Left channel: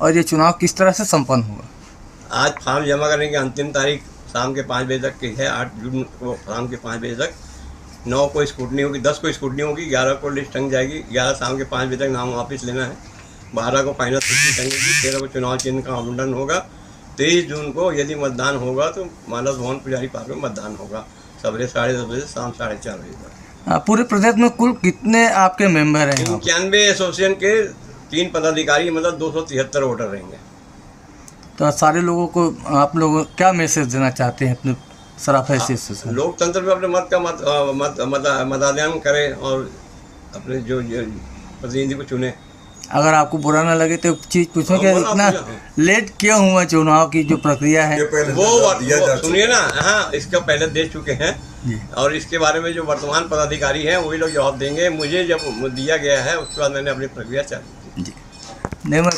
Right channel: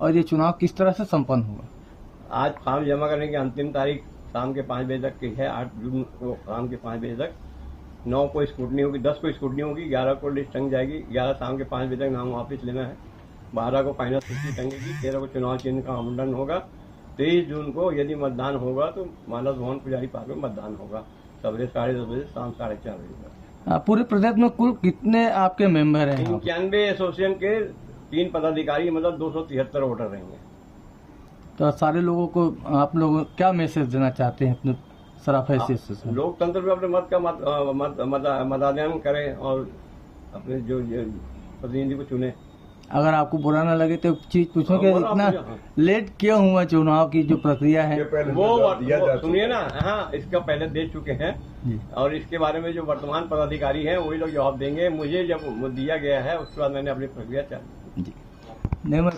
और ये चुनाव किस तरह से संपन्न हुआ? आज फॉर्म जमा करने की अंतिम तारीख शाम के 5 बजे तक की है। 8 जून को शाम के 5 बजे तक 9 को स्कूटनी होगी, 10 को स्कूटनी होगी, 11 को लिस्ट टंग जाएगी, 11 शाम के 5 बजे तक नाम वापस लेना है, 12 को फाइनल सूची टंगेगी, 13 को चुनाव चिन्ह का आवंटन होगा, 23 जून को यदि मतदान होगा तो मानस भवन पुजारी पार्क में मतदान होगा सवेरे 10:30 बजे से शाम 4:30 बजे तक। पूरे प्रदेश में कुल कितने आपके मेंबर हैं? 91 एसोसिएशन के 3 पदाधिकारी, मतलब 273 वोटर रहेंगे। तो सारे लोगों को आप लोग क्या मैसेज देना चाहते हैं अपने सराफा से? लोकतंत्र में अपने मत का मतदान करें और अपने जो प्रतिनिधि को चुने। अगर आपको बुरा ना लगे तो चीज़ पूछो कि इतना लेट क्यों हुआ चुनाव की जो प्रक्रिया है? वो सुनिए ना, हाँ, इसका पहले दे चुके हैं और इसके बारे में जो वर्तमान पदाधिकारी हैं वही लोग जवाब देंगे। मुझे जब दिया गया है उसके बाद मैंने अपनी प्रक्रिया चालू की। जी नहीं, मैं